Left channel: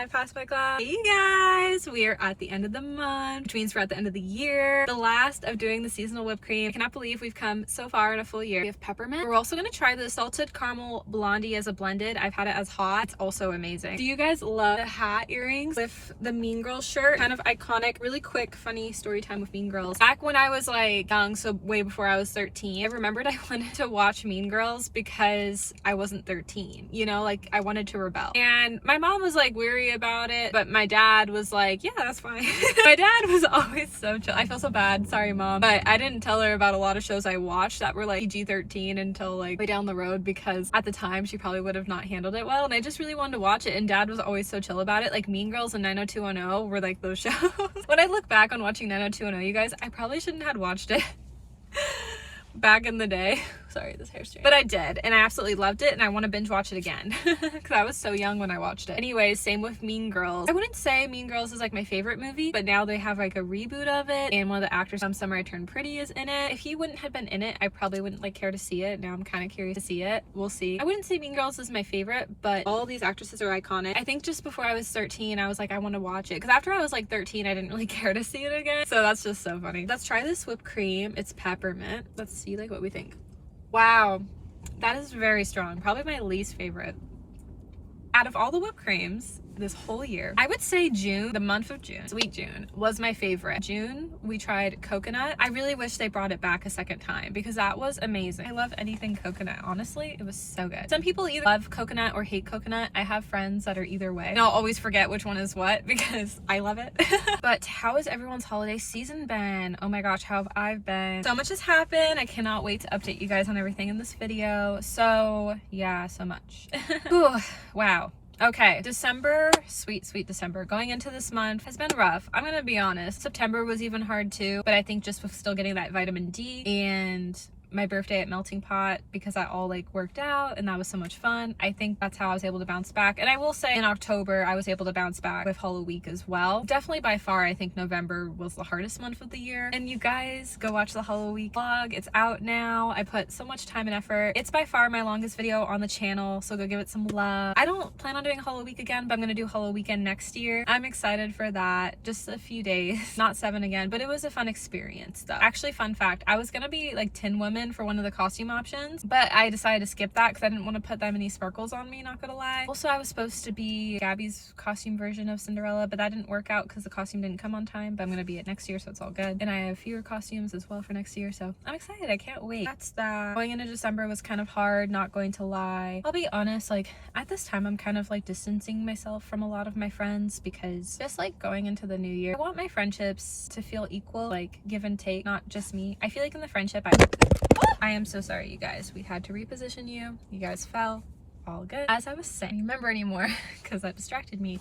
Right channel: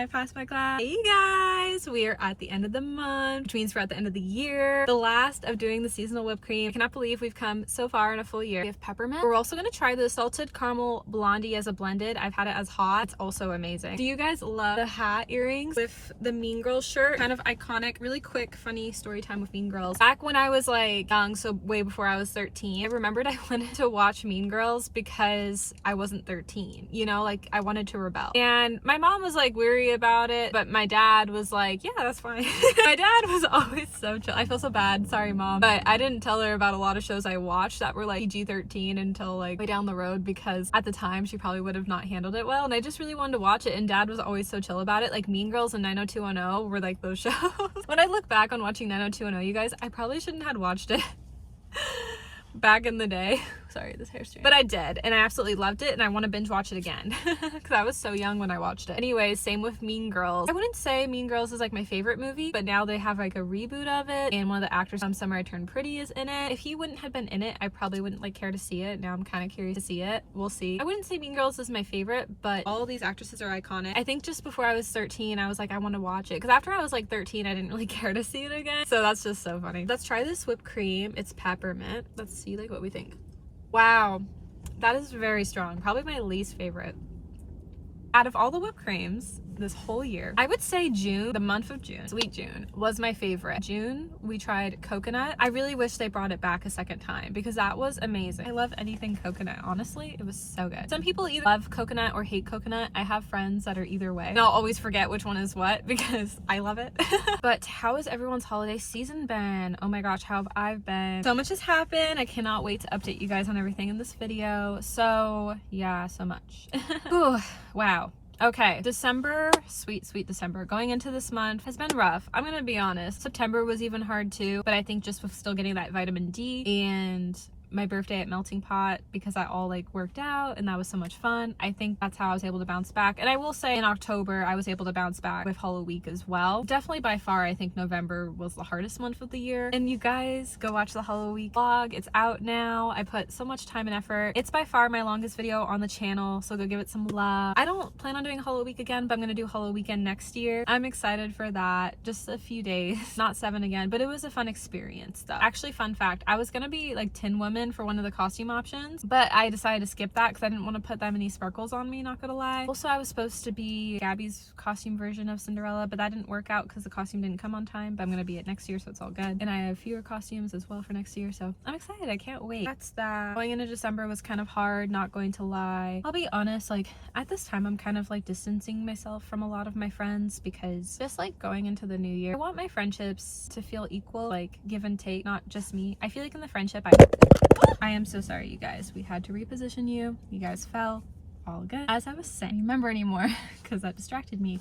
I passed my class. Hey guys, we are at the end of the month, which means we're at the end of the year. The last of doing the seasonal whipped cream. I cannot believe we've come so far in a full year. We have peppermint. We're also gonna try the salted caramel blondie as a blended. I've had it as hot. It's also amazing. Do you guys love the hat earrings with the Mean Girls shirt? Kind of iconic. Really quick, funny story time with Mean Girls. Back when I was like young, so way before I was 13, I remembered I wanted to watch Mean Girls because I wasn't 13, you know, like I wanted to rebel. And my mom was like weary about it, but my dad was like, yeah, that's fine. My dad was always so chill. I feel so bad, sorry mom, but I didn't tell her about a lot of shows I watched that were like PG-13 until like way down the road, because at the time she probably would have not handled it well, and I just really wanted to watch it, and dad was always so chill about it. Like Mean Girls and 90210 were like those shows. When I look back on watching 90210, you guys, I probably shouldn't have watched it back in the day. Sorry, this hair's strange. But I did, and I absolutely loved it, and I want to binge watch it again because I was so young when I watched it. Anyways, same with Mean Girls. I wouldn't say Mean Girls is like my favorite movie, but now they have like a reboot of it, and one of the actors from Summer I Turned Pretty is in it. If he wouldn't have been in it, I probably wouldn't like care to see it. Now I'm kind of curious to see it. We'll see. I wouldn't say Mean Girls is my favorite, but all these actresses are iconic. I think just before I was 13, I was like, I want to watch it, because after I was like 13, I didn't really care to see it again. So that's just so funny. Let's try this whipped cream. It's peppermint. Let's see like what we think. Wow. That is very strong. Probably my least favorite. Out of all the whipped creams this whole year, I would say June, the month of June, Sweet June, was my favorite. June, we tried coconut. I really wish they brought it back a second time because that was amazing. I love anything coconut, honestly. It was so good. Some people either love coconut or hate coconut. I have friends that are either way, and I'll always forget which one is what because I love it. But how has everyone's holiday season been? Oh my gosh, how have I been? So much has happened. I cannot wait to update you guys on everything in this video. So yeah, so much. Whew, wow. Okay, December, sweet December. Going into this month has been rough. I'm gonna be honest. September was even hard too, but I think just with still getting that vitamin D and my birthday at Melting Pot, because that all like worked out and that was so much fun. I think that's how I was able to bounce back. And I will say in October, I was able to bounce back with Hollow Week as well. Definitely by far, I think November was the hardest month of the year. And you guys go watch the Hollow Week vlog. It's out now. I put so much time and effort. It's by far my longest video on the channel, so go give it some love. I don't plan on doing Hollow Week again, but I'm gonna do Hollow Weekend next year. I'm excited for that. Just a few days, not 7 again, but it was a fun experience though. Actually, fun fact, I was gonna be like Tin Woman for one of the costume options, but I decided to skip that because I didn't want to put that many sparkles on me, not gonna lie. Also, I was supposed to be Gabby's costume version of Cinderella, but that didn't work out because the costume didn't come on time, but I'm gonna be it next year, so it's all good. And I have fewer costumes as well for next year, so I'm excited. I can't wait. That's that. Going into December was kind of hard, not going to lie. I'll be honest, like at this time I'm kind of like distancing myself from a lot of my friends because just like going into the new year, I want my friendships to feel equal, like give and take, not just me. I feel like in the friendship I am so sorry, you guys. We had to reposition you. You guys fell. All good. As I was saying, I don't remember anymore because that distracted me.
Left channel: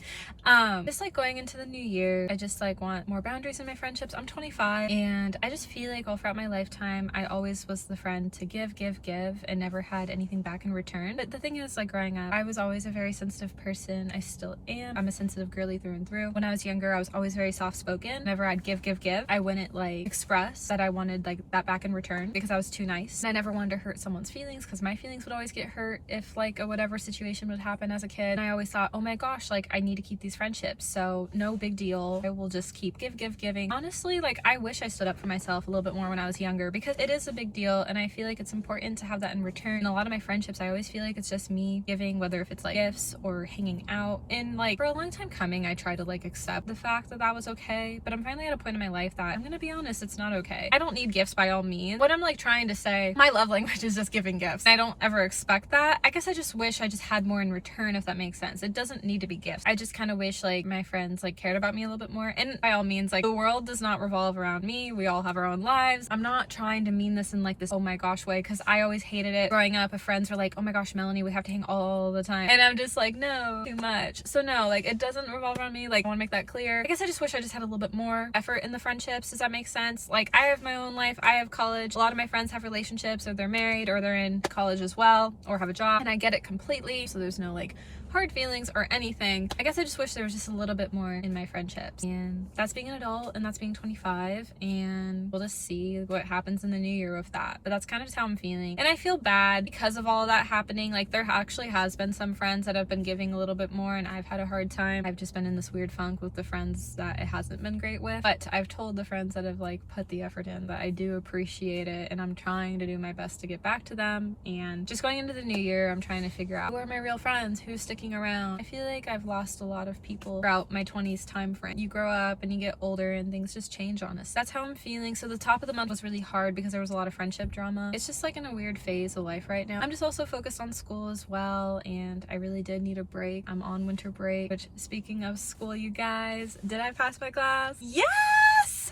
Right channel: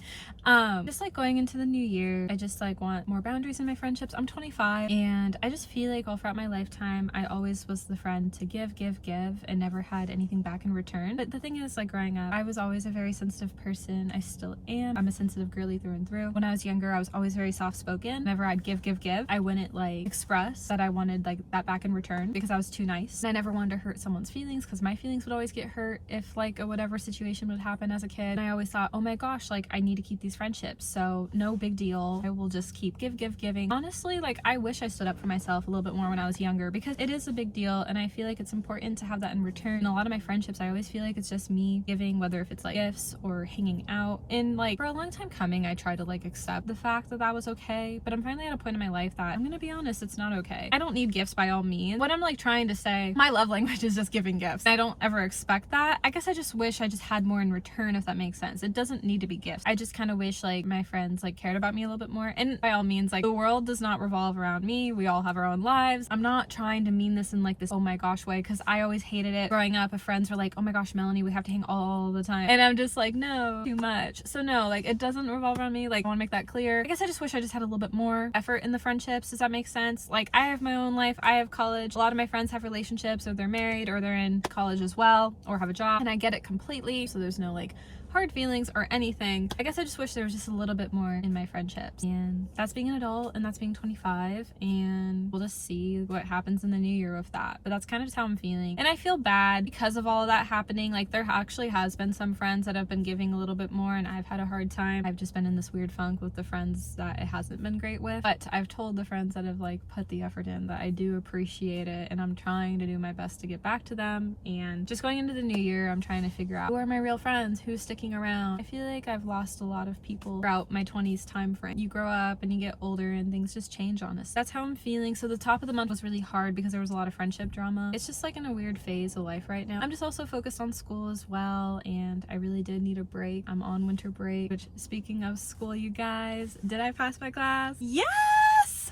Just like going into the new year, I just like want more boundaries in my friendships. I'm 25 and I just feel like all throughout my lifetime I always was the friend to give and never had anything back in return. But the thing is, like growing up, I was always a very sensitive person. I still am. I'm a sensitive girly through and through. When I was younger, I was always very soft spoken. Whenever I'd give, I wouldn't like express that I wanted like that back in return because I was too nice. And I never wanted to hurt someone's feelings because my feelings would always get hurt if like whatever situation would happen as a kid. And I always thought, oh my gosh, like I need to keep these friendships, so no big deal. I will just keep giving. Honestly, like I wish I stood up for myself a little bit more when I was younger because it is a big deal and I feel like it's important to have that in return. And a lot of my friendships, I always feel like it's just me giving, whether if it's like gifts or hanging out. And like for a long time coming, I tried to like accept the fact that that was okay, but I'm finally at a point in my life that I'm gonna be honest, it's not okay. I don't need gifts by all means. What I'm like trying to say, my love language is just giving gifts. I don't ever expect that. I guess I just wish I just had more in return, if that makes sense. It doesn't need to be gifts. I just kind of wish like my friends like cared about me a little bit more. And by all means, like the world does not revolve around me. We all have our own lives. I'm not trying to mean this in like this oh my gosh way, because I always hated it growing up. If friends were like, oh my gosh, Melanie, we have to hang all the time, and I'm just like, no, too much. So no, like it doesn't revolve around me. Like I want to make that clear. I guess I just wish I just had a little bit more effort in the friendships. Does that make sense? Like I have my own life. I have college. A lot of my friends have relationships, or they're married, or they're in college as well, or have a job, and I get it completely. So there's no like hard feelings or anything. I guess I just wish there was just a little bit more in my friendships. And that's being an adult, and that's being 25, and we'll just see what happens in the new year with that. But that's kind of just how I'm feeling. And I feel bad because of all of that happening. Like, there actually has been some friends that have been giving a little bit more, and I've had a hard time. I've just been in this weird funk with the friends that it hasn't been great with. But I've told the friends that have like put the effort in that I do appreciate it, and I'm trying to do my best to get back to them. And just going into the new year, I'm trying to figure out who are my real friends, who's sticking around. I feel like I've lost a lot of people throughout my 20s time frame. You grow up and you get older and things just change on us. That's how I'm feeling. So the top of the month was really hard because there was a lot of friendship drama. It's just like in a weird phase of life right now. I'm just also focused on school as well, and I really did need a break. I'm on winter break, which, speaking of school, you guys, did I pass my class? Yes!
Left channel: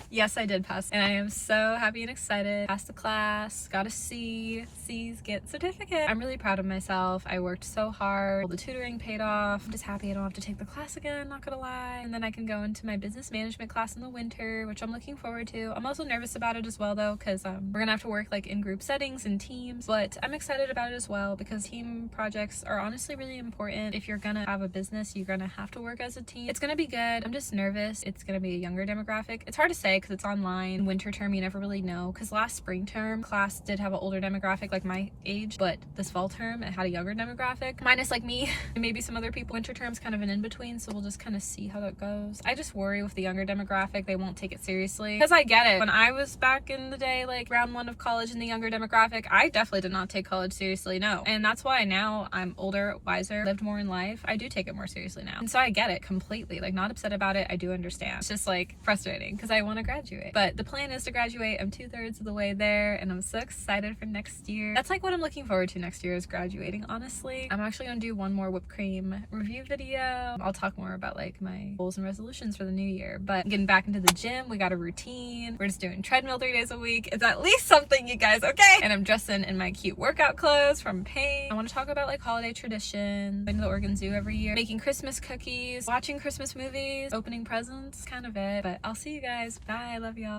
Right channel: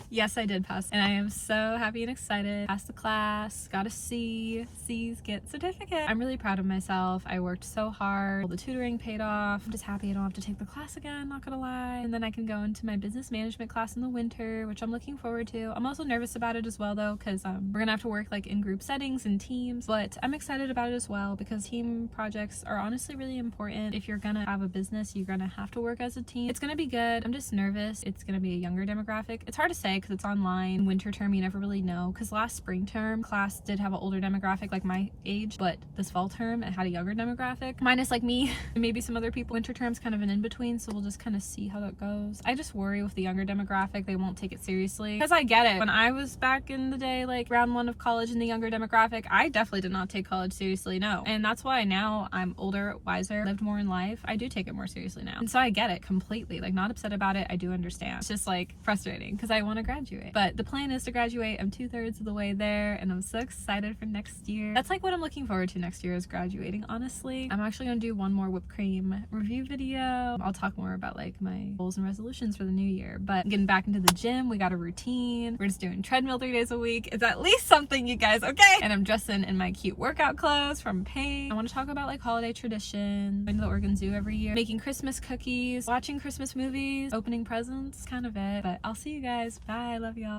Yes, I did pass, and I am so happy and excited. Passed the class, got a C. C's get certificate. I'm really proud of myself. I worked so hard. The tutoring paid off. I'm just happy I don't have to take the class again, not gonna lie. And then I can go into my business management class in the winter, which I'm looking forward to. I'm also nervous about it as well though, because we're gonna have to work like in group settings and teams, but I'm excited about it as well because team projects are honestly really important. If you're gonna have a business, you're gonna have to work as a team. It's gonna be good. I'm just nervous. It's gonna be a younger demographic. It's hard to say because it's online. Winter term, you never really know, because last spring term class did have an older demographic like my age, but this fall term it had a younger demographic, minus like me and maybe some other people. Winter term's kind of an in-between, so we'll just kind of see how that goes. I just worry with the younger demographic, they won't take it seriously, because I get it. When I was back in the day, like round one of college in the younger demographic, I definitely did not take college seriously, no. And that's why now I'm older, wiser, lived more in life, I do take it more seriously now. And so I get it completely, like not upset about it. I do understand. It's just like frustrating because I want to graduate, but the plan is to graduate. I'm 2/3 of the way there, and I'm so excited for next year. That's like what I'm looking forward to next year, is graduating, honestly. I'm actually gonna do one more whipped cream review video. I'll talk more about like my goals and resolutions for the new year, but getting back into the gym, we got a routine. We're just doing treadmill 3 days a week. It's at least something, you guys, okay? And I'm dressing in my cute workout clothes from Pain. I want to talk about like holiday traditions, going to the Oregon Zoo every year, making Christmas cookies, watching Christmas movies, opening presents, kind of it. But I'll see you guys. Bye, love y'all.